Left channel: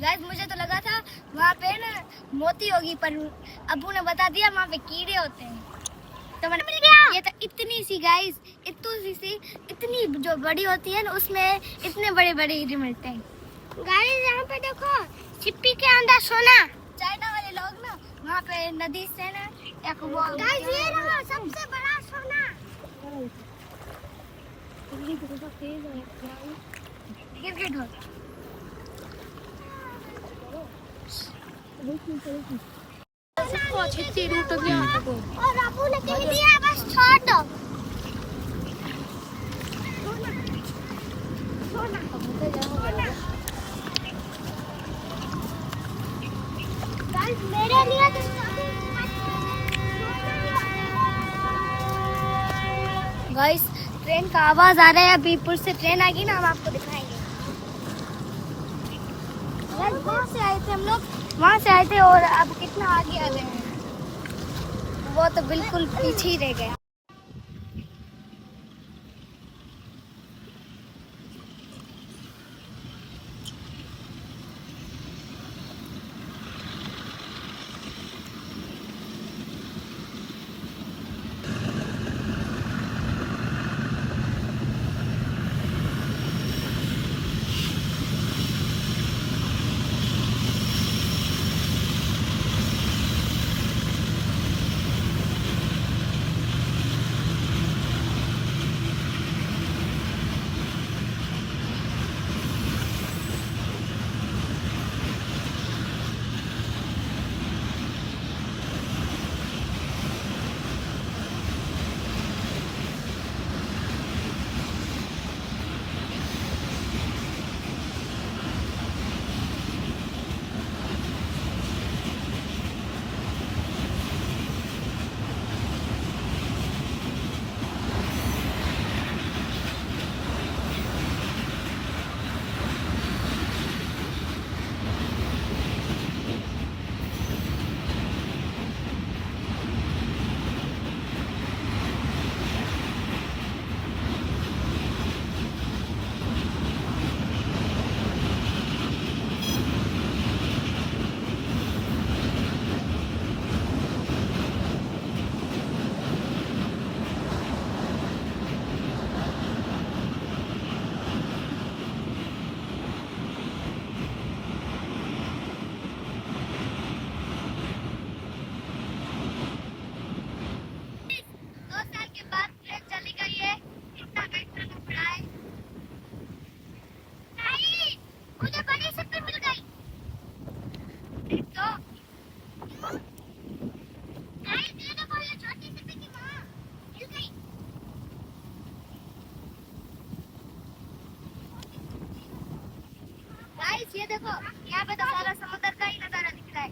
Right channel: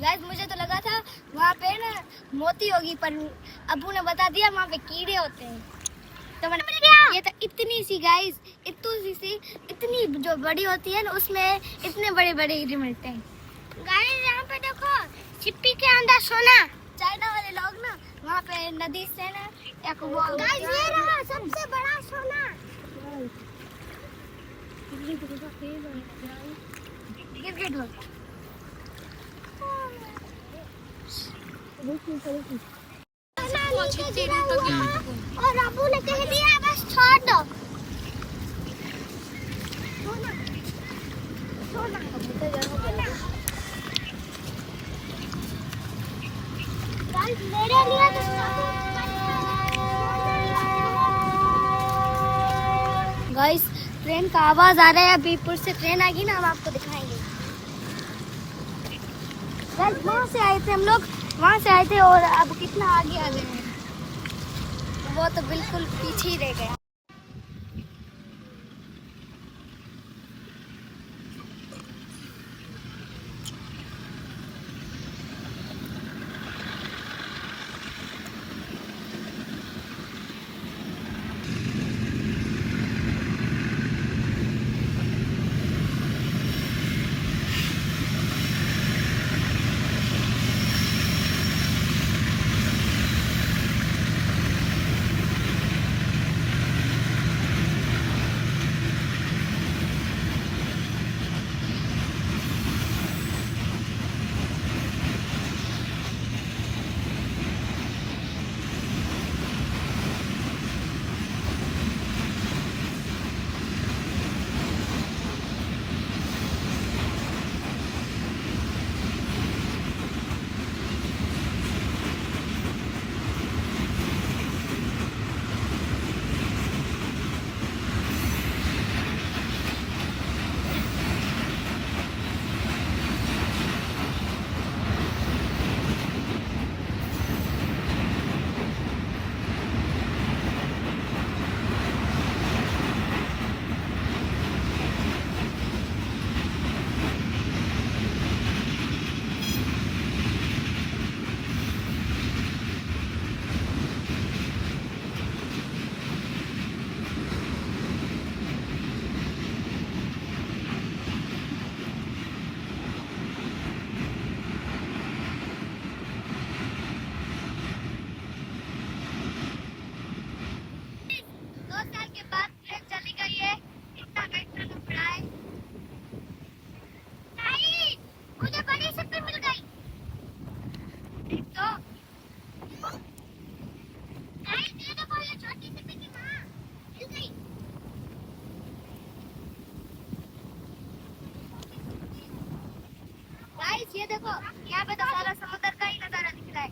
Guys मुझे तो लगा था वहाँ पे ना मोती होगी, पर अब्बू ने बता दिया वहाँ पे कीड़े होते हैं। तो मैंने ये तो इतनी सी गाइस, इतनी जो बड़ी होती है ना उसमें इतने बड़े बड़े हीरे मिलते हैं। गाइस यहाँ पे देखो छिप्पी के अंदर सोना। चाइना वाले लोग ना वहाँ पे नदी से ना एक वो सबसे बड़ा सोना। क्रिकेट हो और अबू ने कह दिया बस छोड़ दो। मेरे लिए तो गाइस ट्रेन का आवाज आ रहा है। अभी पुल से ट्रेन आएगी ना, हम आपको दिखाएंगे। वहाँ से आए थे हम लोग, वहाँ से आए थे और अब कितना आगे आ गए हैं। वो तो बिल्कुल पीछे ही रह गया। मुझे बड़ी सिप्पी मिल गई। तो गाइस ये देखो, ये छोटी सिप्पी थी ना, मिल गई। गाइस ये देखो, यहाँ पे तो सारा समुद्र का ही नजारा दिख रहा है।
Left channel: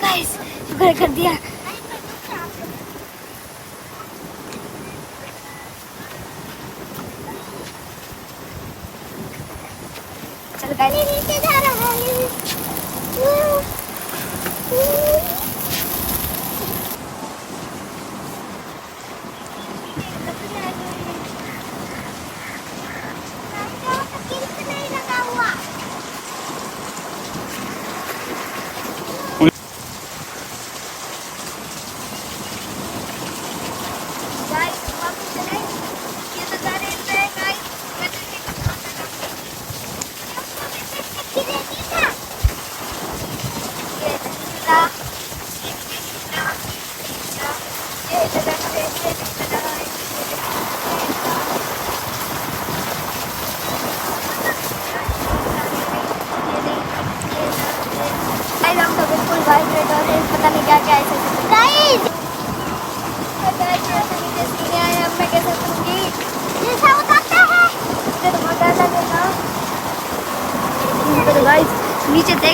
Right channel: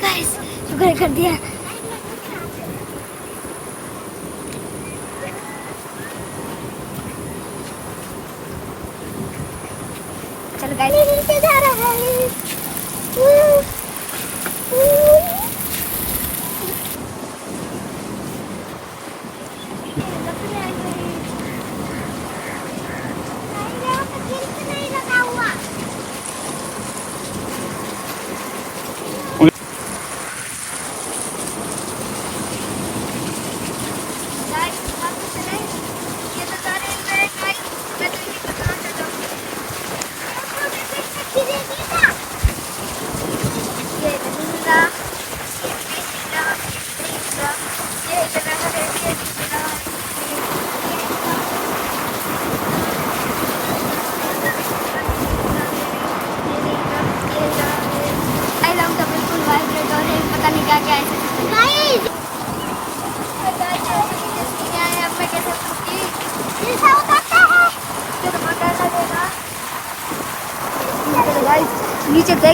गाइस शुक्र कर दिया। चल गाइस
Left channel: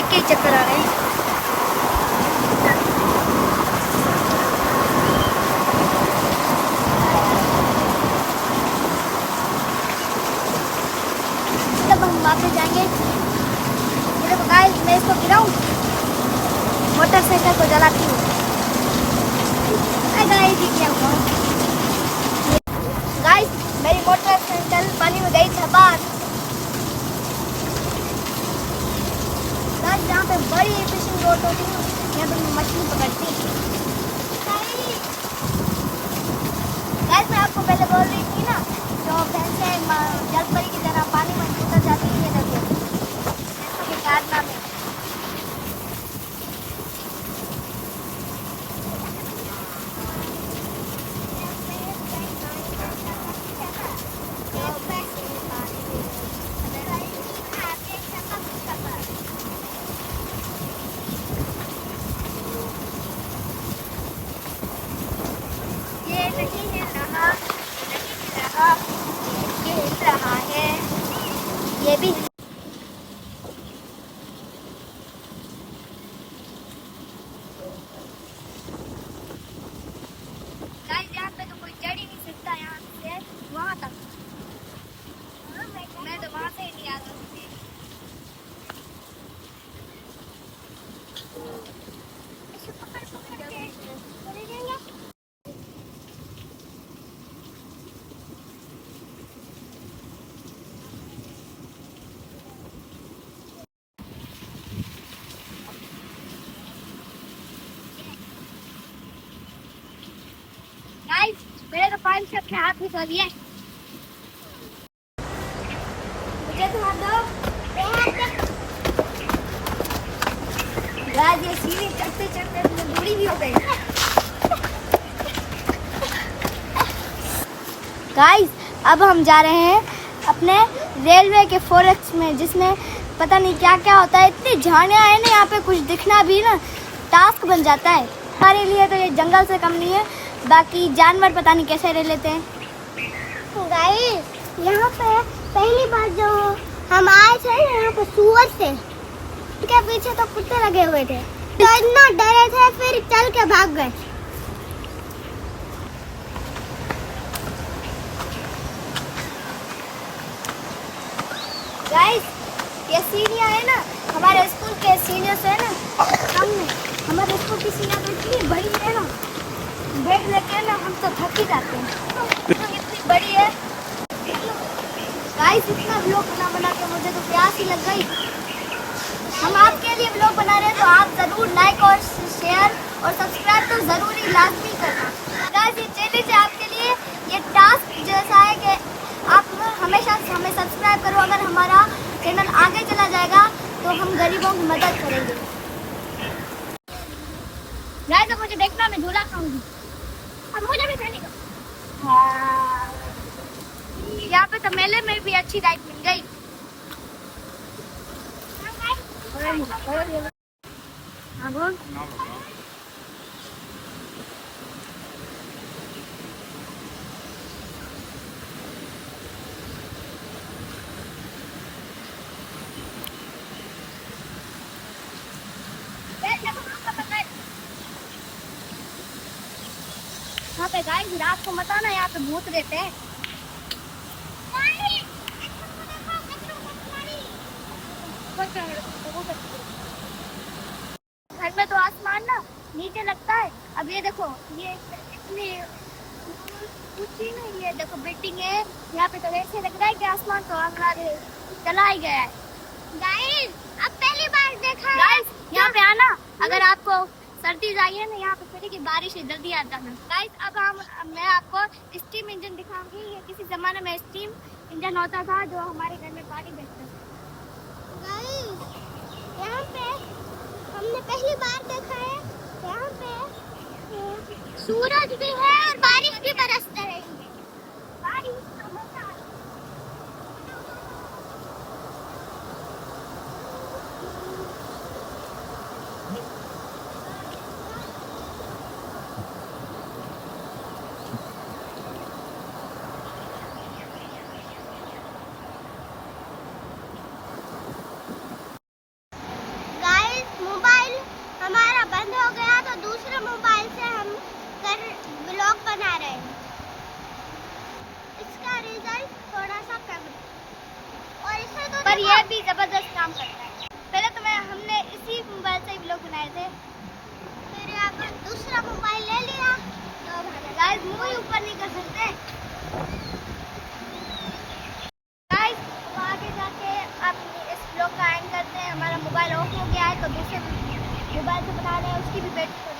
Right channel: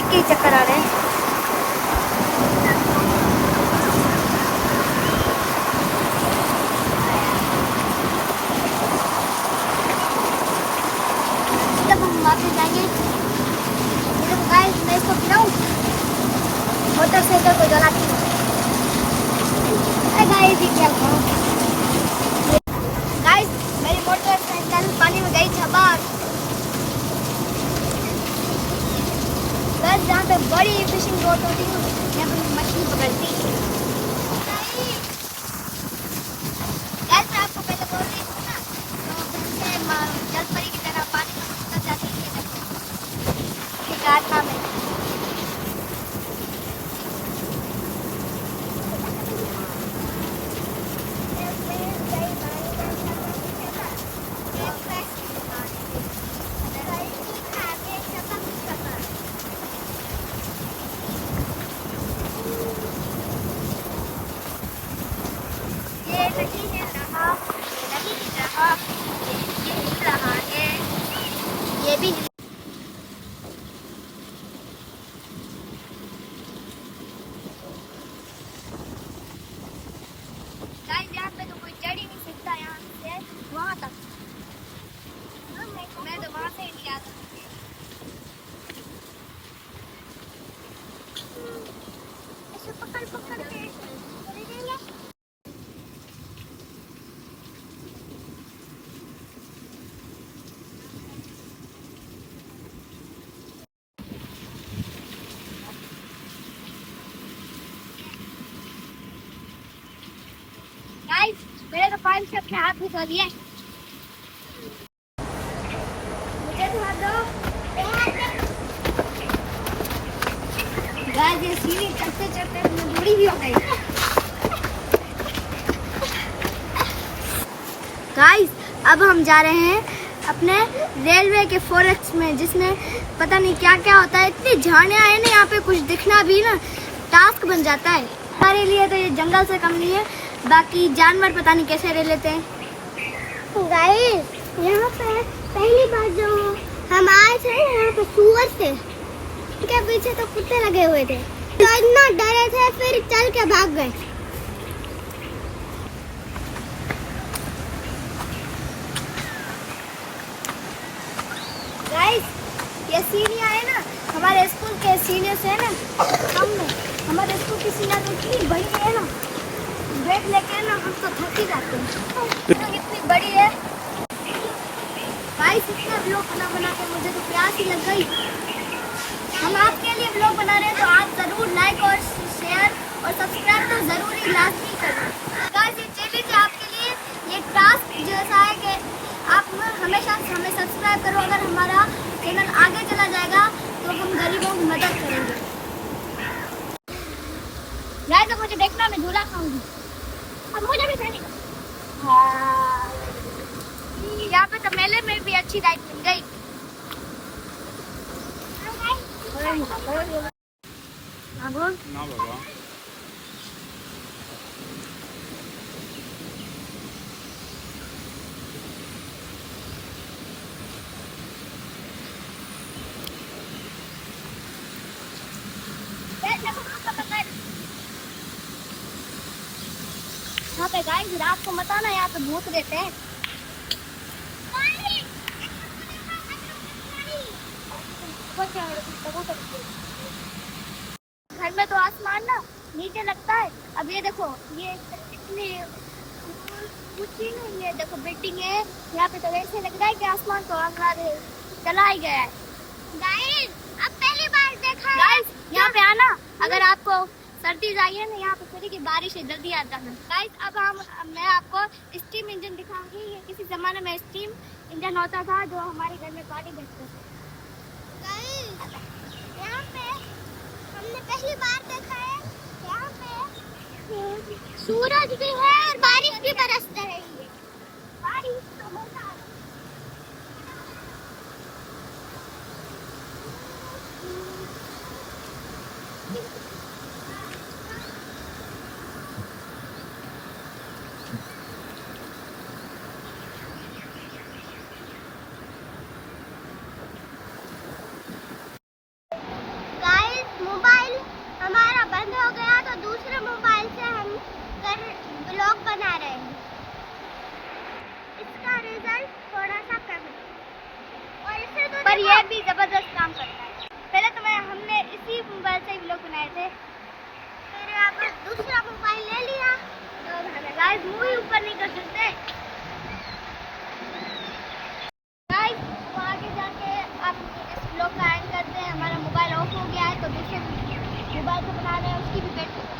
देख के ही चक्कर आ रहे हैं। जब हम वापस जाएंगे, मैं इसको गिराऊं, मोटरसाइकिल को जलाती हूँ। गाइस, ये क्या हुआ? गाइस, मेरी मोटरसाइकिल पानी में गई छपाक। बस जहाँ पे बड़ी फिशिंग बोट होती है यहाँ पे मछली पकड़ती है। गाइस, मैं आपको पहले बोल रही थी ना, तो भैंसें जलपरी की तरह पानी में उतर जाती है। ये देखो ये काटना में। ये नहीं हिल रहा, ये नहीं हिल रहा, ये हिल रहा है, ये भी। गाइस, यहाँ पे तो कोई चढ़ ही नहीं सकता, यहाँ से वहाँ तक। मैं तो वहाँ से ही नहीं आ सकती। ऐसे पकड़ पकड़ के चले जाएंगे। गाइस, मेरे तो 5 से अपने हाथ में सो दिए। मुझे थोड़ा दो। गाइस, ये सीढ़ी चढ़ते चढ़ते मैं बूढ़ी भी हो गई। गाइस, अब हम जा रहे हैं अपने रेलवे के फॉरेस्ट में, जिसमें पता नहीं क्या क्या होता है। इतनी झाड़ियाँ हैं ना यहाँ पे, कुछ दिखना भी ना टास्क बन जाता है। हमारे लिए तो ये जंगल से कम नहीं है, बाकी जानवर पता नहीं कैसे रह लेते हैं। गाइस, यहाँ पे पहली बार जो हम आए थे यहाँ पे सुअर थे, क्या पीछे तो कुत्ते लगे हुए थे, तो इतना डरे थे, फिर चल के भाग गए। गाइस, ये सीढ़ियाँ है ना, हमारे स्कूल के सीनियर से ना, हमने हमारे स्कूल की सीढ़ियाँ तो इतनी बड़ी है ना, बैग लेके ना हम तो थक ही जाते हैं, इतनी बड़ी है। गाइस, इतना व्लॉग बना के मुझे तो प्यास ही लग गई। हम आपके लिए व्लॉग बना रहे हैं, तो आप जरूर लाइक और शेयर और सब्सक्राइब तो जरूरी लाजमी करना। गाइस, ये चैलेंज है आपके लिए, ये टास्क जैसा है कि आप हमेशा हमें सब्सक्राइब करो। अगर हमारा चैनल आगे चला जाएगा तो हम गरीबों की मदद करेंगे। गाइस, तो मुझे देखना, मैं झूला खाऊंगी, अब मुझे भी खाने का। हाँ, यहाँ पे तो मेले में भी अच्छी राइड मिल गई। हाँ बोल। यहाँ पे गाइस, रात को मत आना, यहाँ पे भूत रहते हैं। घर में तो आसमान ना नीचे लगता है। अब ये देखो, ये इतनी ऊंची नहीं है, देखो बिल्डिंग है यहाँ पे, तो ऐसे लग रहा है कि आसमान तो अंगारे चला ही गया है। गाइस, अब पहली बार देखा। गाइस, यहाँ पे आना, अगर आपको सर्दी चाहिए ना, यहाँ पे फिर की बारिश है, जल्दी आ जाना। गाइस, अब मैं आपको स्टीम इंजन दिखाऊंगी। ये किसी जमाने में स्टीम इंजन होता था जो हमारे घर में पानी बेचते थे। यहाँ पे हमने पहली बार देखा है, यहाँ पे सूरज भी है और बारिश भी बरसते रहेंगे। बारिश का मजा आता है। ये भी जबरदस्त काम करता है। पहले तो हमने इसी मोबाइल से व्लॉग बनाए थे, फिर अब दूसरा मोबाइल ले लिया तो गाइस मुंह ही ऊपर नहीं कर सकते गाइस। अब आगे जाके अब इस व्लॉग का एंड करते हैं। हमारा मोबाइल ऑफ हो गया है तो दूसरे मोबाइल से बना रहे हैं, उसकी भी बैटरी